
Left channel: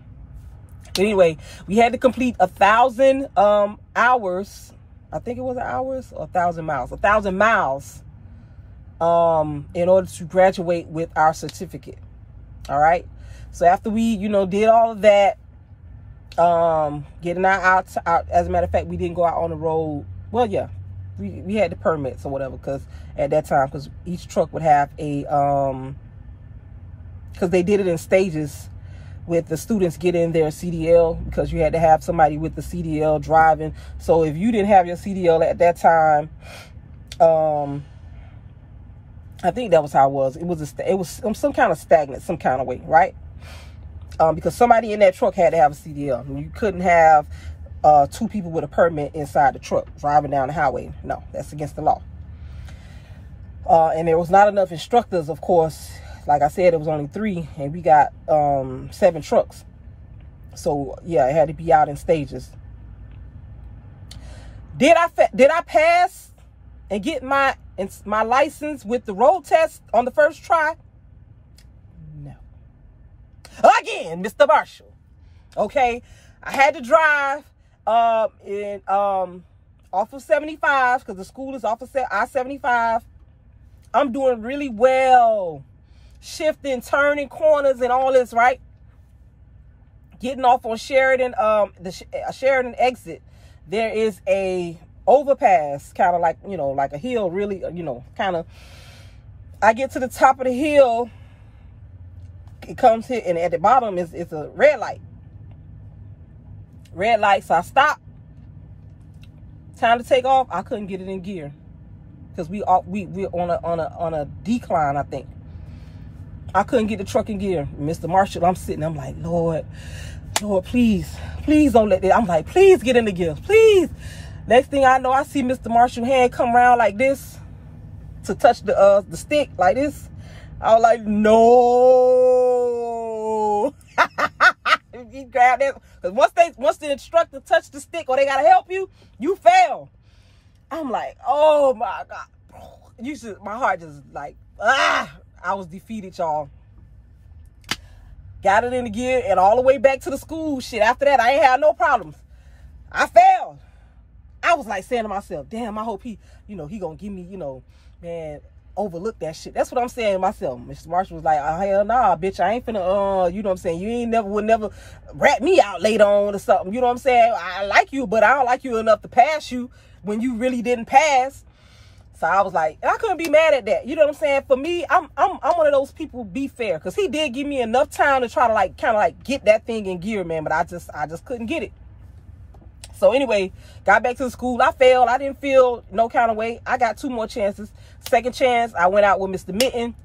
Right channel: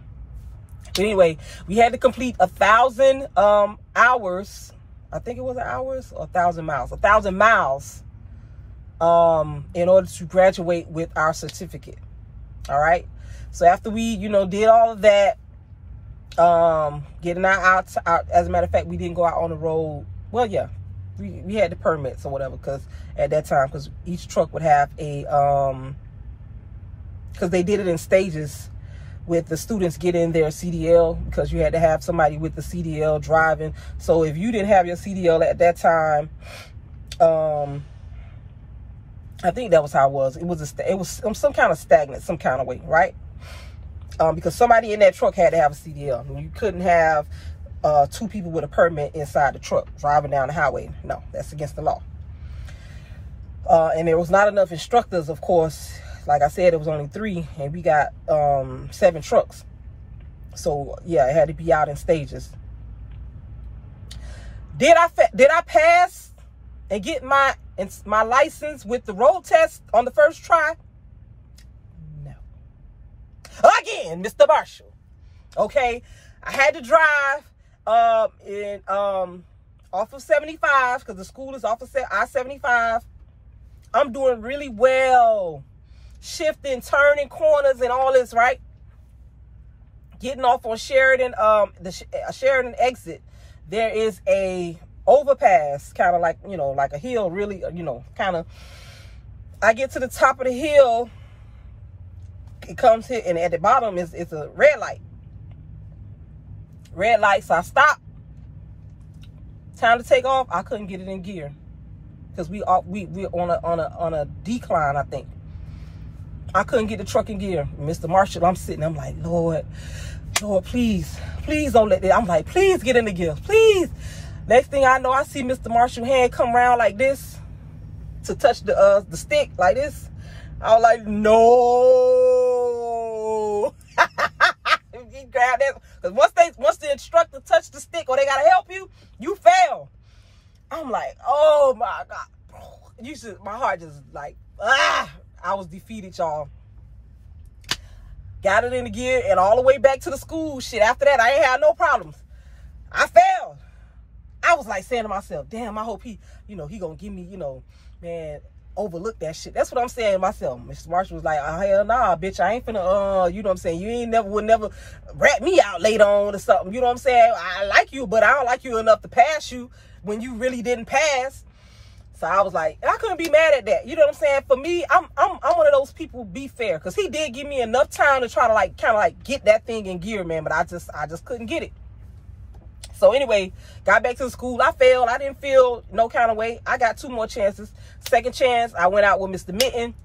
But anyway, we had to complete 1,000 hours. I think it was hours or 1,000 miles. 1,000 miles in order to graduate with our certificate. All right. So after we, you know, did all of that, getting out, as a matter of fact, we didn't go out on the road. Well, yeah, we had the permits or whatever, because at that time, because each truck would have a, because they did it in stages with the students getting their CDL, because you had to have somebody with the CDL driving. So if you didn't have your CDL at that time, I think that was how it was. It was some kind of stagnant, some kind of way, right? Because somebody in that truck had to have a CDL. You couldn't have 2 people with a permit inside the truck driving down the highway. No, that's against the law. And there was not enough instructors, of course. Like I said, it was only 3, and we got 7 trucks. So yeah, it had to be out in stages. Did I pass and get my license with the road test on the first try? No. Again, Mr. Marshall. Okay, I had to drive off of 75, because the school is off of I-75. I'm doing really well, shifting, turning corners and all this, right? Getting off on Shedrian, the Shedrian exit, there is a overpass, kind of like, you know, like a hill, really, you know, kind of. I get to the top of the hill, it comes here, and at the bottom is a red light. Red light, so I stop. Time to take off. I couldn't get it in gear, because we're on a decline, I think. I couldn't get the truck in gear. Mr. Marshall, I'm like, Lord, please don't let that. I'm like, please get in the gear, please. Next thing I know, I see Mr. Marshall's hand come around like this to touch the stick like this. I was like, no. He grabbed that, because once the instructor touched the stick or they gotta help you, you fail. I'm like, oh my God. My heart just like, I was defeated, y'all. Got it in the gear, and all the way back to the school. Shit, after that, I ain't had no problems. I failed. I was like saying to myself, damn, I hope he gonna give me, man, overlook that shit. That's what I'm saying to myself. Mr. Marshall was like, oh, hell nah, bitch, I ain't finna, you know what I'm saying? You would never rat me out later on or something. You know what I'm saying? I like you, but I don't like you enough to pass you when you really didn't pass. So I was like, I couldn't be mad at that. You know what I'm saying? For me, I'm one of those people, be fair, because he did give me enough time to try to kind of get that thing in gear, man. But I just couldn't get it. So anyway, got back to the school. I failed. I didn't feel no kind of way. I got 2 more chances. Second chance, I went out with Mr. Mitten.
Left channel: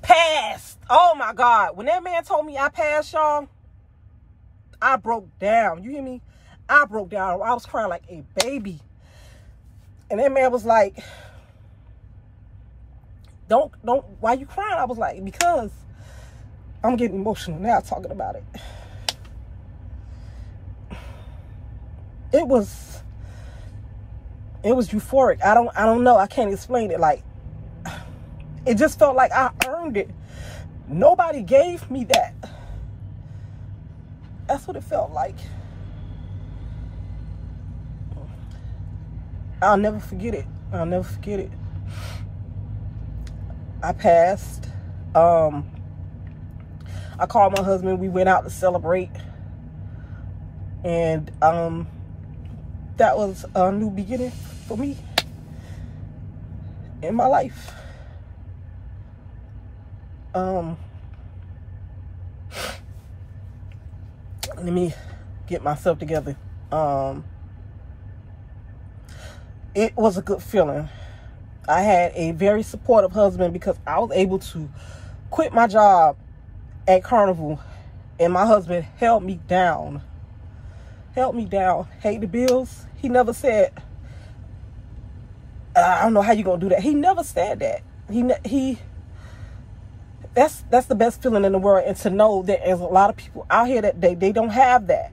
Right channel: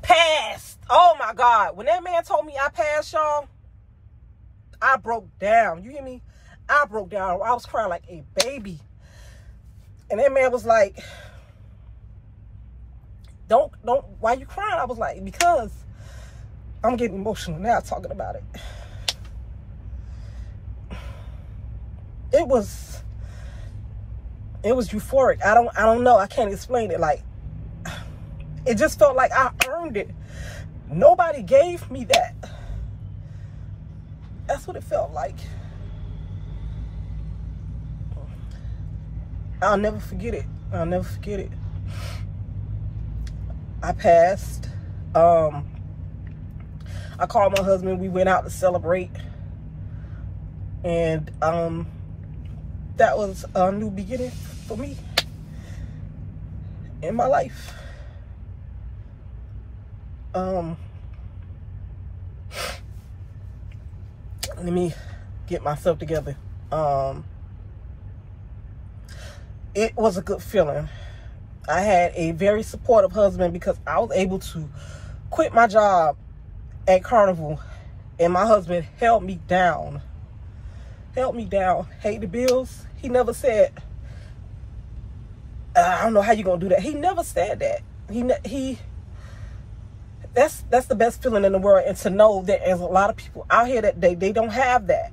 Passed. Oh my God. When that man told me I passed, y'all, I broke down. You hear me? I broke down. I was crying like a baby. And that man was like, don't, why you crying? I was like, because I'm getting emotional now talking about it. It was euphoric. I don't know. I can't explain it. Like, it just felt like I earned it. Nobody gave me that. That's what it felt like. I'll never forget it. I'll never forget it. I passed. I called my husband. We went out to celebrate. And that was a new beginning for me in my life. Let me get myself together. It was a good feeling. I had a very supportive husband because I was able to quit my job at Carnival, and my husband held me down. Paid the bills. He never said, I don't know how you're gonna do that. He never said that. That's the best feeling in the world, and to know that there's a lot of people out here that they don't have that.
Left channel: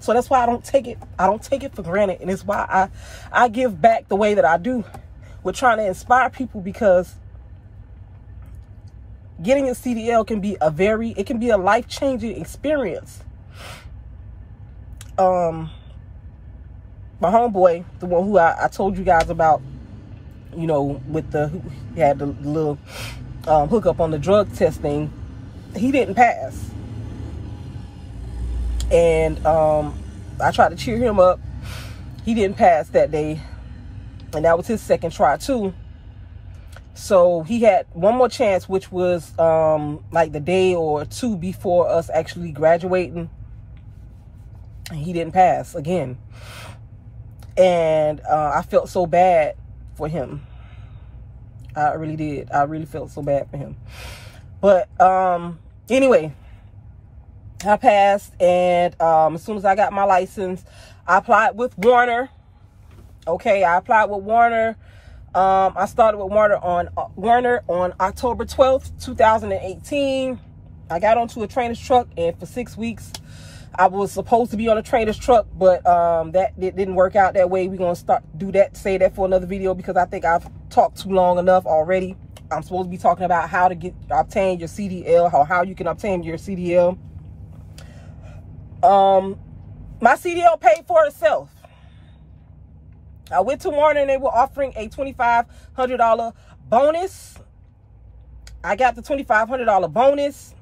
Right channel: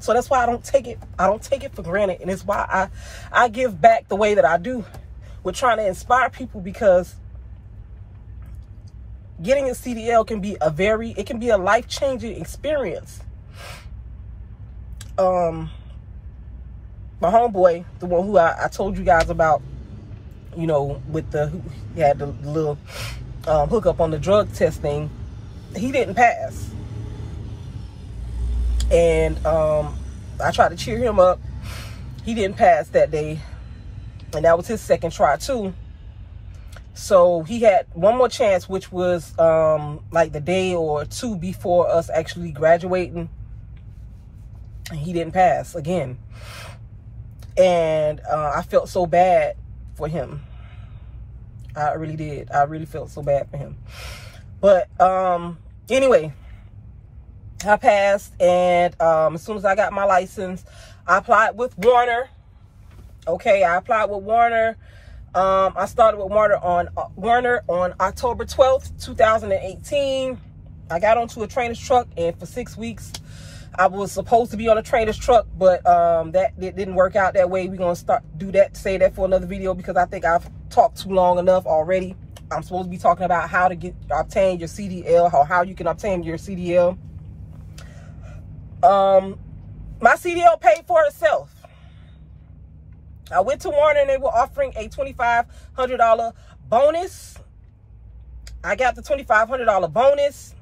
So that's why I don't take it for granted, and it's why I give back the way that I do. We're trying to inspire people, because getting a CDL can be a life-changing experience. My homeboy, the one who I told you guys about, you know, he had the little hookup on the drug testing, he didn't pass. And I tried to cheer him up. He didn't pass that day, and that was his second try too. So he had one more chance, which was like the day or two before us actually graduating, and he didn't pass again. And I felt so bad for him. I really did. I really felt so bad for him. But anyway, I passed, and as soon as I got my license, I applied with Warner. Okay, I applied with Warner. I started with Warner on October 12th, 2018. I got onto a trainer's truck, and for 6 weeks, I was supposed to be on a trainer's truck, but it didn't work out that way. We're going to say that for another video, because I think I've talked too long enough already. I'm supposed to be talking about how to obtain your CDL, how you can obtain your CDL. My CDL paid for itself. I went to Warner, and they were offering a $2,500 bonus. I got the $2,500 bonus,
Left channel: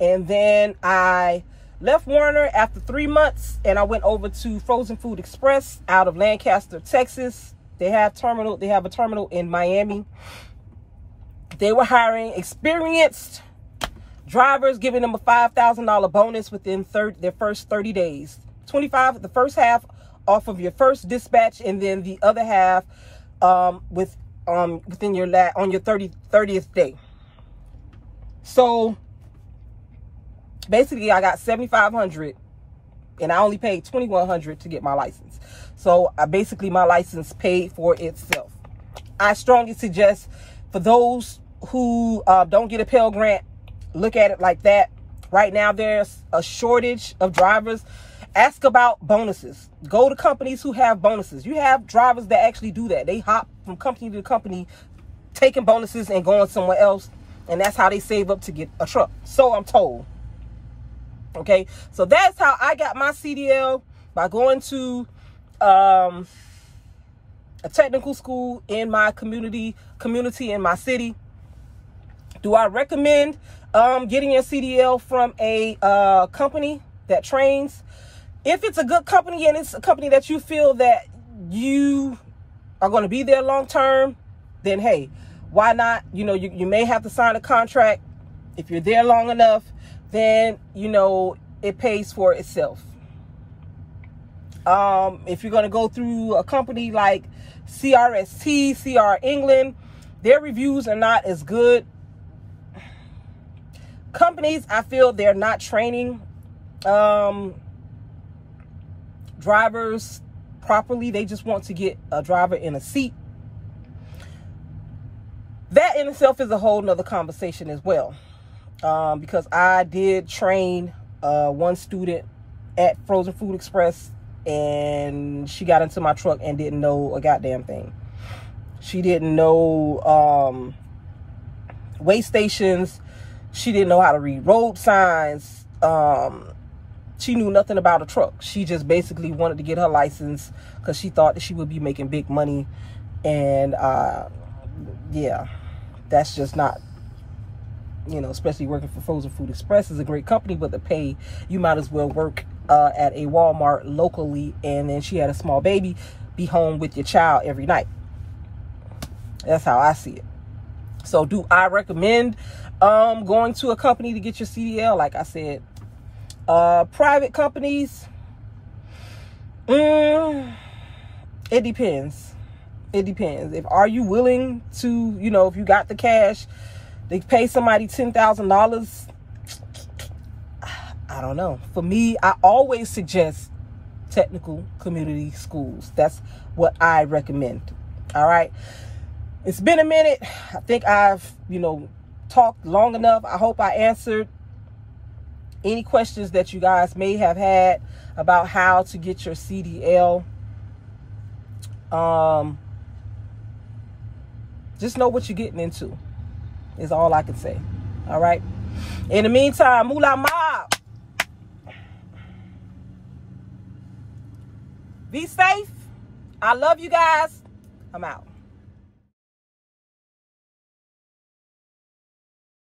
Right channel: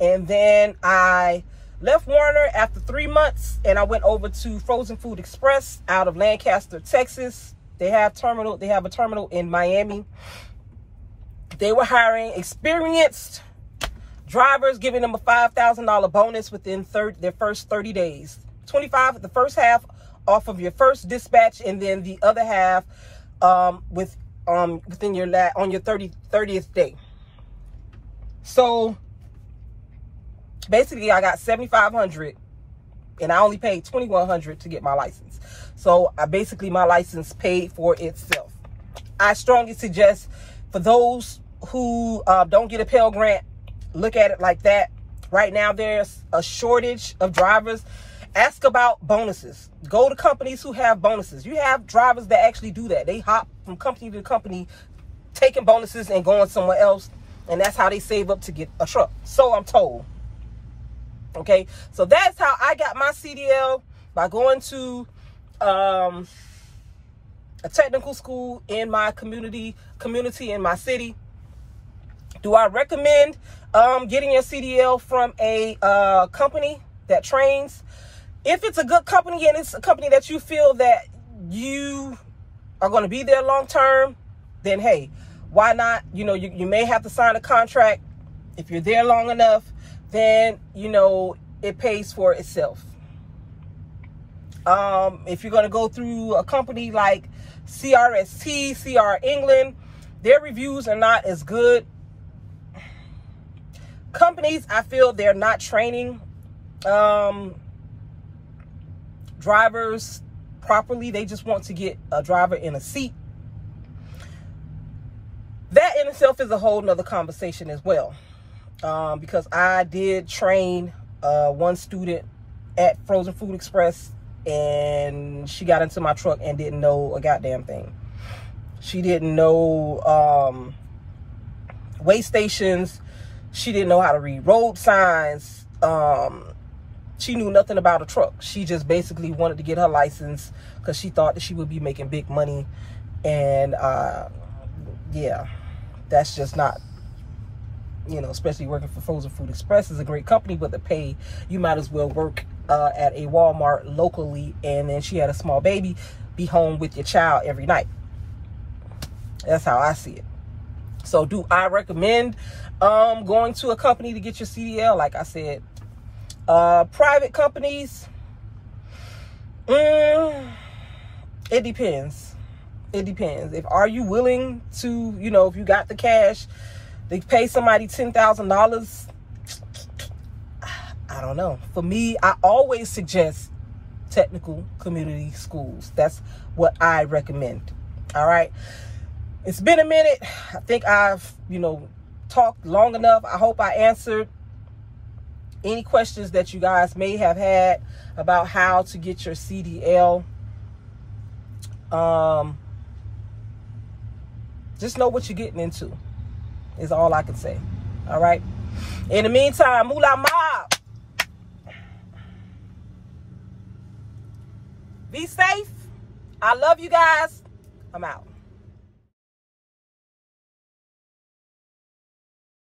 and then I left Warner after 3 months, and I went over to Frozen Food Express out of Lancaster, Texas. They have a terminal in Miami. They were hiring experienced drivers, giving them a $5,000 bonus within their first 30 days. $25 the first half off of your first dispatch, and then the other half within your on your 30th day. So basically, I got $7,500, and I only paid $2,100 to get my license. So basically, my license paid for itself. I strongly suggest, for those who don't get a Pell Grant, look at it like that. Right now, there's a shortage of drivers. Ask about bonuses. Go to companies who have bonuses. You have drivers that actually do that. They hop from company to company, taking bonuses and going somewhere else, and that's how they save up to get a truck. So I'm told. Okay, so that's how I got my CDL, by going to a technical school in my community in my city. Do I recommend getting your CDL from a company that trains? If it's a good company, and it's a company that you feel that you are going to be there long term, then hey, why not? You know, you may have to sign a contract. If you're there long enough, then, you know, it pays for itself. If you're going to go through a company like CRST, CR England, their reviews are not as good. Companies, I feel they're not training drivers properly. They just want to get a driver in a seat. That in itself is a whole nother conversation as well. Because I did train one student at Frozen Food Express, and she got into my truck and didn't know a goddamn thing. She didn't know weigh stations. She didn't know how to read road signs. She knew nothing about a truck. She just basically wanted to get her license because she thought that she would be making big money. And yeah, that's just not You know, especially working for Frozen Food Express is a great company, but the pay, you might as well work at a Walmart locally. And then she had a small baby, be home with your child every night. That's how I see it. So do I recommend going to a company to get your CDL? Like I said, private companies, it depends. It depends. Are you willing to, you know, if you got the cash, they pay somebody $10,000. I don't know. For me, I always suggest technical community schools. That's what I recommend. All right. It's been a minute. I think I've, you know, talked long enough. I hope I answered any questions that you guys may have had about how to get your CDL. Just know what you're getting into is all I can say. All right. In the meantime, Moolah Mob. Be safe. I love you guys. I'm out.